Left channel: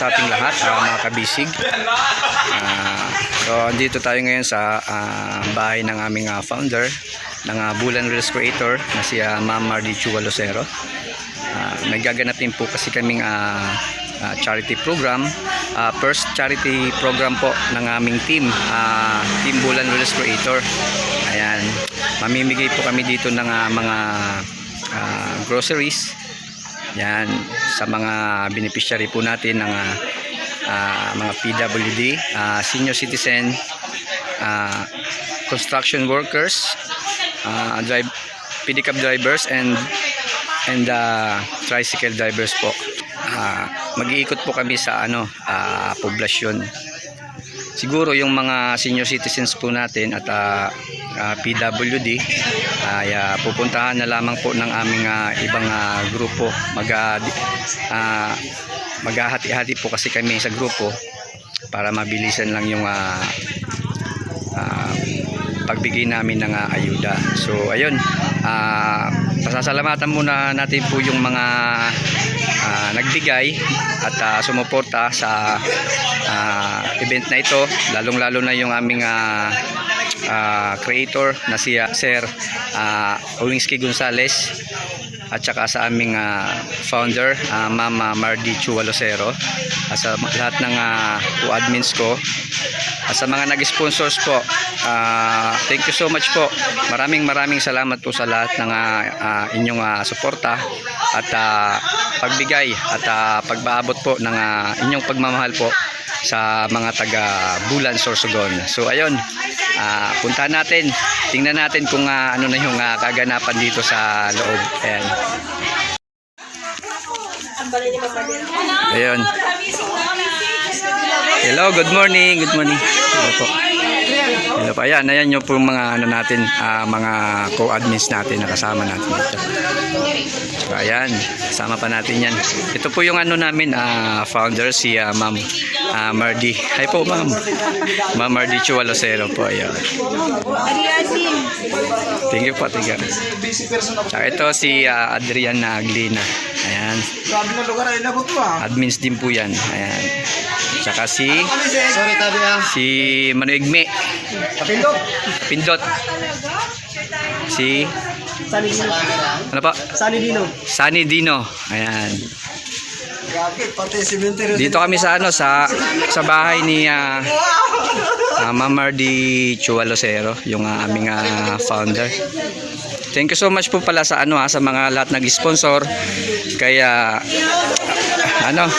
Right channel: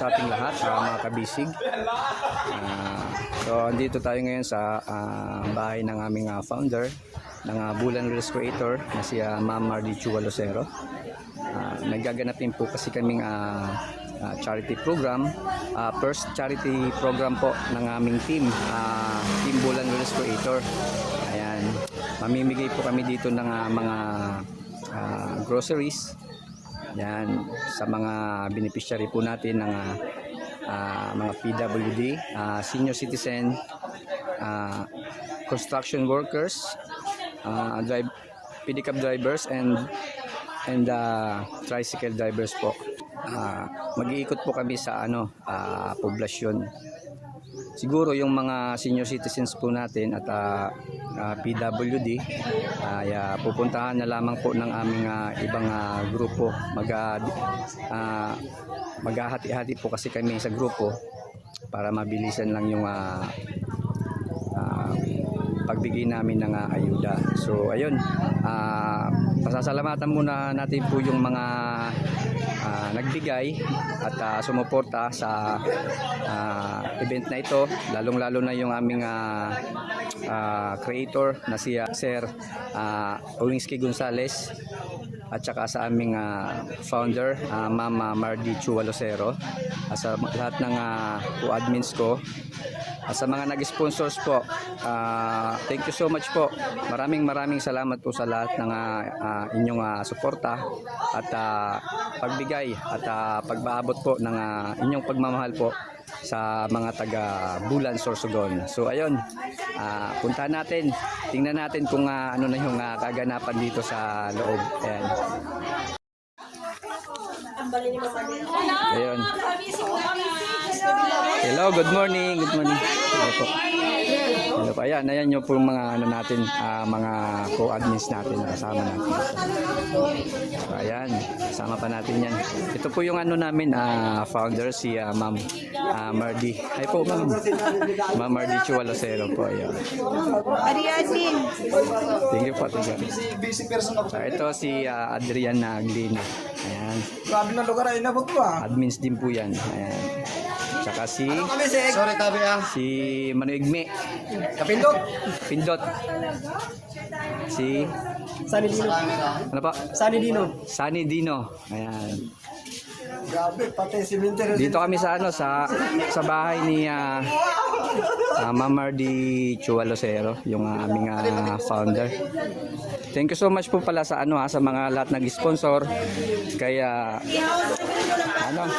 sa ating lahat, ah, mga kabisig. Ah, so, andito tayo ngayon sa ah, bahay ng aming ah, founder ng ah, Bulan Reels Creator na si ah, Ma'am Mardi Chua Lucero. Ah, nagaganap po kasi kaming ah, ah, charity program. Ah, first charity program po ng aming team, ah, Team Bulan Reels Creator. Ayan, mamimigay po kami dito ng ah, mga ah, groceries yan sa mga beneficiary po natin ng ah, mga PWD, ah, senior citizen, ah, construction workers, ah, drive, pedicab drivers and and ah, tricycle drivers po. Ah, mag-iikot po kami sa ano, ah, poblasyon. Siguro yung mga senior citizens po natin at ah, ah, PWD ay ah, pupuntahan na lamang po ng aming ah, ibang ah, grupo. Mag ah, maghahati-hati po kasi kami sa grupo para mabilisan lang yung ah, ah, pagbigay namin ng ah, ayuda. So ayun ah, pasasalamatan muna natin po yung mga ah, nagbigay at ah, sumuporta sa ah, event na ito. Lalong lalo na yung aming ah, ah, creator na si ah, Sir uh, Owingski Gonzales at saka sa aming ah, founder uh, Mama Mardi Chua Lucero at sa lahat ng uh, admins ko at sa mga nag-sponsors po ah, thank you so much po maraming maraming salamat po sa lahat ng ah, ah, inyong ah, suporta at ah, pagbigay at ah, pagbaabot po ng ah, inyong pagmamahal po sa mga taga Bulan Sorsogon. So ayun, ah, puntahan natin. Tingnan natin kung ah, ano na yung ah, kaganapan dito sa loob. Ayan. Ayun. Hello, good morning. Good morning. Hello po. Po. Ayan, ayan yung po yung mga ano natin, ah, mga co-admins natin na kasama natin dito. So, ayan, kasama pa natin yan. Ito po yung ano namin, ah, founder, si ah, Ma'am ah, Mardi. Hi po, Ma'am. Ma'am Mardi Chua Lucero po. Ayan. Thank you po, thank you. Tsaka ito si ah, Adrian Aglina. Ayan. Sabi ng lugar ay inabot ko ah. Admins din po yan. Ayan. Tsaka si Sorry tabi ah. si Manuigme Kapindot. Pindot. Si Sani Dino. ano pa? Sani Dino. Sunny Dino. Ayan. Grabe, pati cemetery. Dito kami sa ano sa sa bahay ni uh, uh, Ma'am Mardi Chua Lucero, yung ah, aming ah, founder. Thank you so much po pala sa ano ha, sa mga lahat nag-sponsor. Kaya ano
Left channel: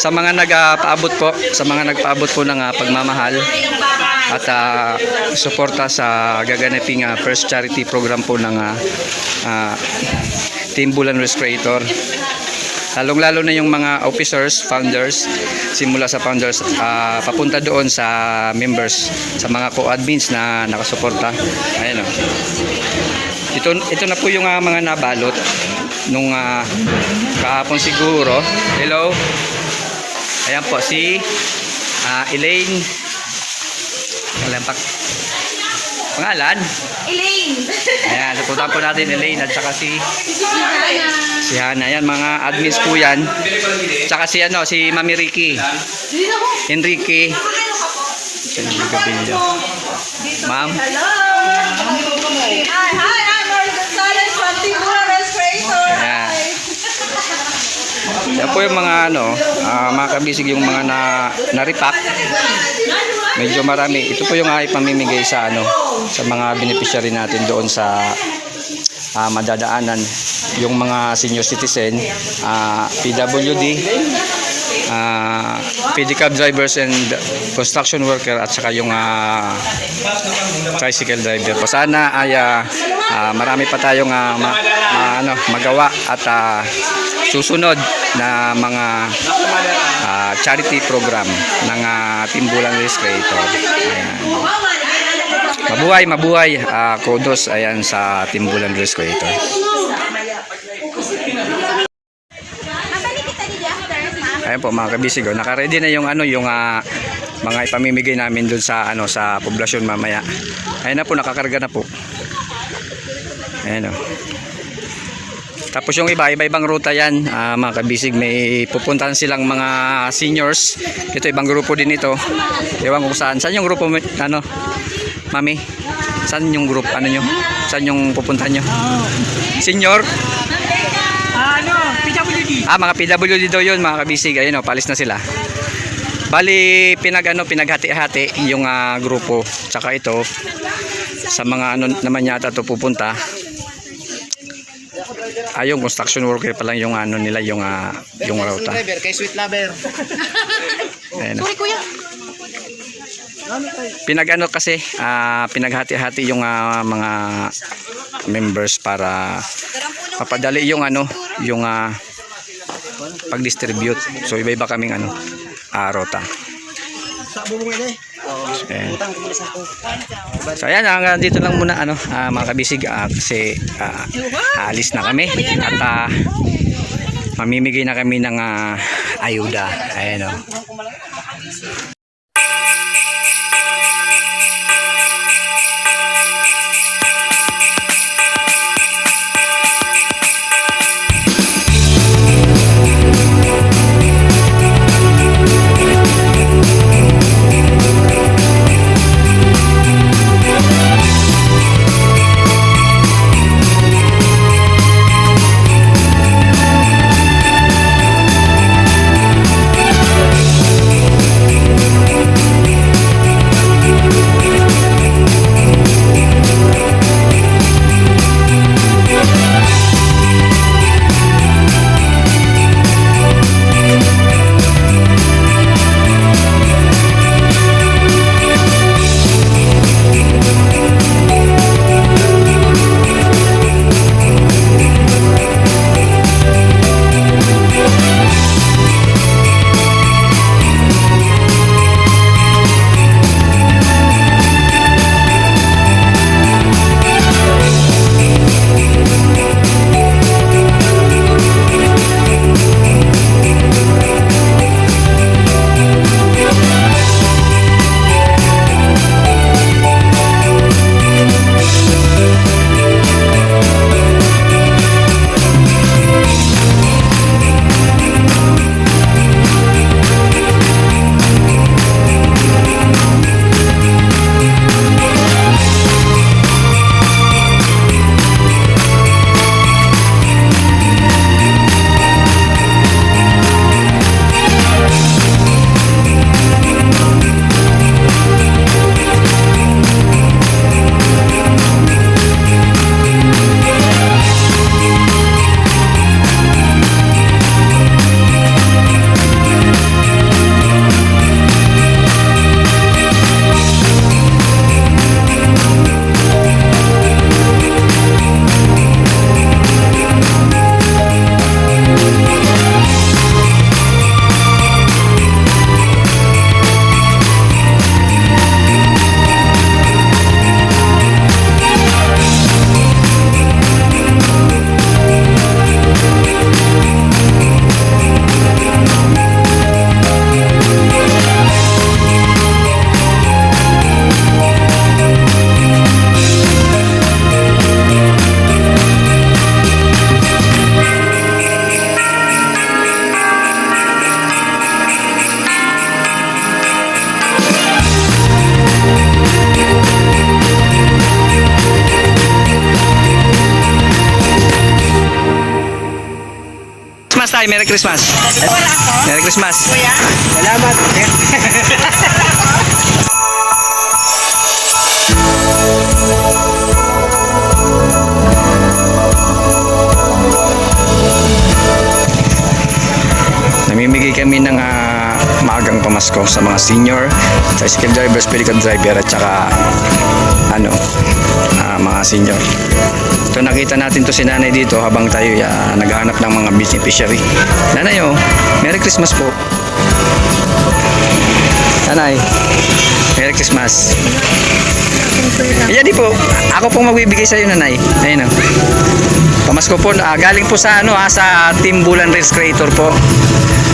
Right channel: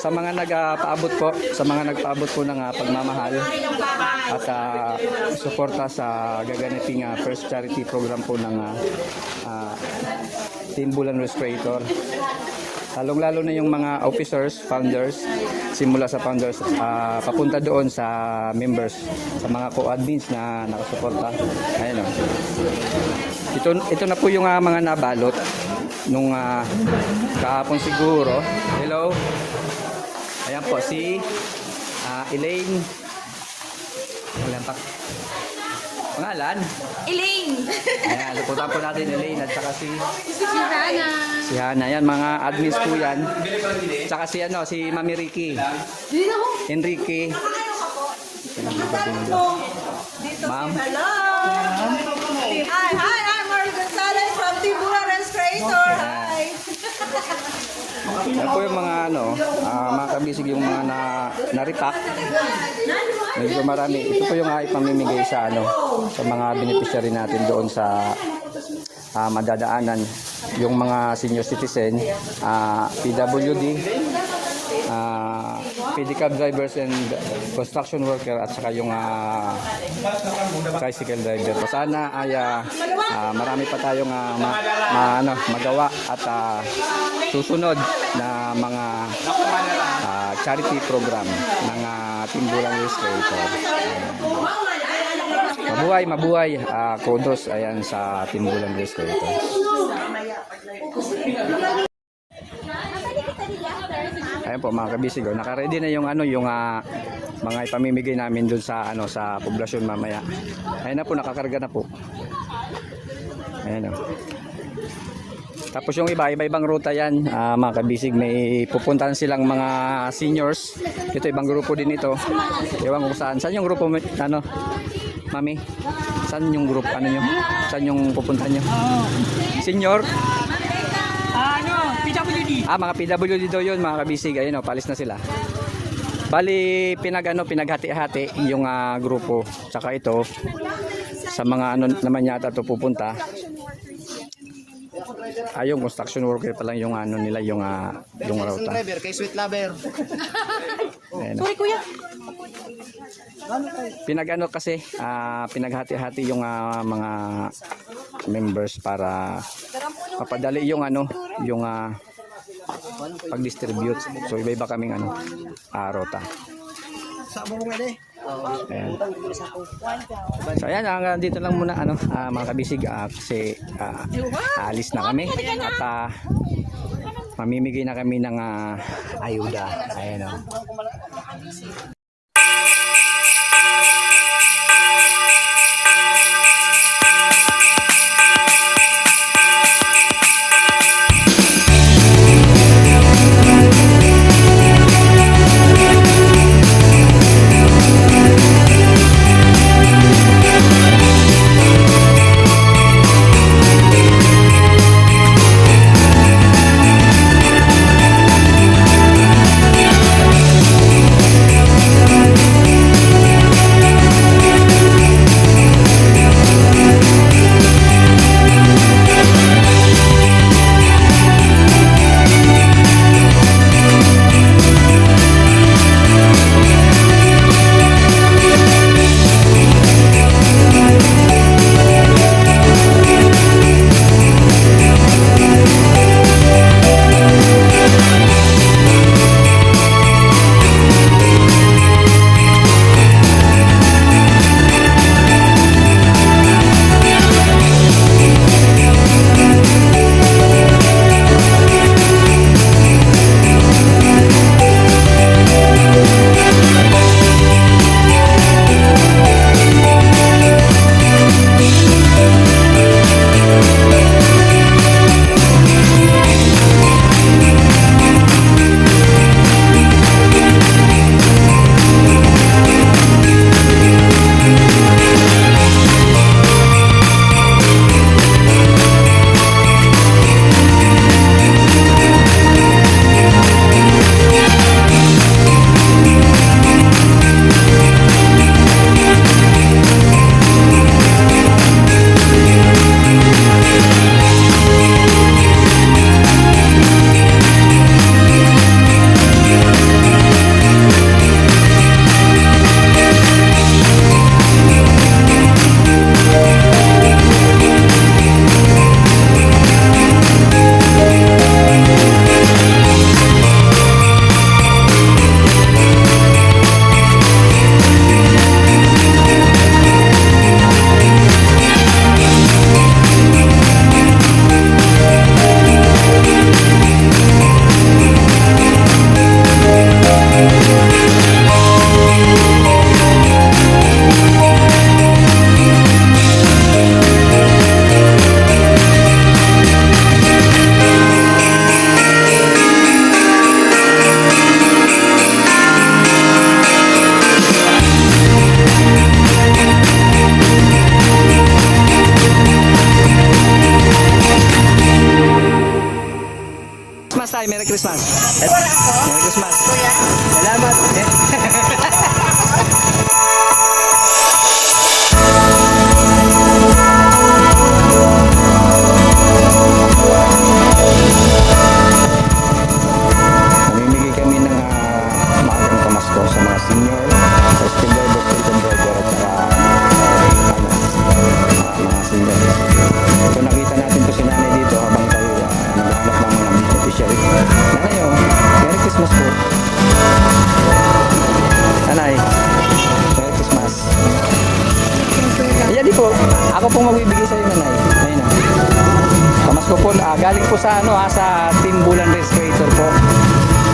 sa mga nagpaabot po, sa mga nagpaabot po ng ah, pagmamahal at ah, suporta sa gaganaping ah, first charity program po ng ah, ah, Team Bulan Restorator. Lalong-lalo na yung mga officers, founders, simula sa founders, ah, papunta doon sa members, sa mga co-admins na nakasuporta. Ayan o. Ito, ito na po yung ah, mga nabalot nung ah, kahapon siguro. Hello. Ayan po si ah, Elaine. Alam pa. Pangalan? Elaine! Ayan, napunta po natin Elaine at saka si si Hana. Yan, mga admins po yan. Tsaka si ano, si Mami Ricky. Enrique. Ma'am. Hi, hi, I'm Marlon Gonzalez from Tigura Restorator. Ayan. Yan po yung mga ano, ah, mga kabisig yung mga na, na-repack. Medyo marami. Ito po yung ay pamimigay sa ano, sa mga beneficiary natin doon sa ah, madadaanan. Yung mga senior citizen, ah, PWD, ah, pedicab drivers and construction worker at saka yung ah, tricycle driver. Po sana ay ah, marami pa tayong ah, ma- ma- ano, magawa at ah, susunod na mga ah, charity program ng uh, Timbulan Illustrator. Ayan. Mabuhay, mabuhay. Ah, kudos ayan sa Timbulan Illustrator. Ayan po mga kabisig, oh. naka-ready na yung ano yung ah, mga ipamimigay namin dun sa ano sa poblasyon mamaya. Ayan na po nakakarga na po. Ayan oh. Tapos yung iba, iba-ibang ruta yan, ah, mga kabisig. May pupuntahan silang mga seniors. Ito, ibang grupo din ito. Ewan ko kung saan. Saan yung grupo, ano, mami? Saan yung group, ano nyo? Saan yung pupuntahan nyo? Senior? Ano? PWD. Ah, mga PWD daw yun, mga kabisig. Ayun o, palis na sila. Bali, pinag, ano, pinaghati-hati yung ah, grupo. Tsaka ito, sa mga ano naman yata to pupunta. Ah, yung construction worker pa lang yung ano nila, yung, ah, yung ruta. Driver, kay Sweet Lover. Ayun. Pinag ano kasi, ah, pinaghati-hati yung ah, mga members para papadali yung ano, yung ah, pag-distribute. So iba-iba kaming ano, ah, rota. Sa sa ko. So ayan, hanggang dito lang muna ano, ah, mga kabisig ah, kasi ah, alis na kami at ah, mamimigay na kami ng ah, ayuda. Ayan oh. Christmas tayo, Merry Christmas. Merry Christmas. Salamat. Namimigay kami ng ah, maagang pamasko sa mga senior, tricycle drivers, pedicab driver at saka ano, mga senior. Ito nakita natin to si nanay dito habang tayo ah, naghahanap ng mga beneficiary. Nanay oh, Merry Christmas po. Nanay, Merry Christmas. Yan di po, ako pong magbibigay sa iyo nanay. Ayun oh. Pamasko po, ah, galing po sa ano ah, sa Team Bulan Race Creator po.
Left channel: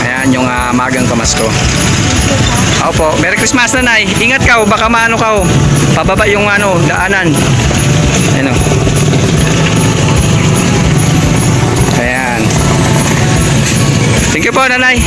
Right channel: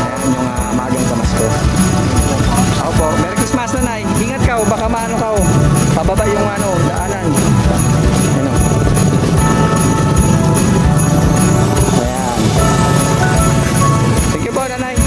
Ayan yung ah, magang pamasko. Opo, Merry Christmas nanay. Ingat ka, oh, baka maano ka. oh. Pababa yung ano, daanan. Bye, Nanai.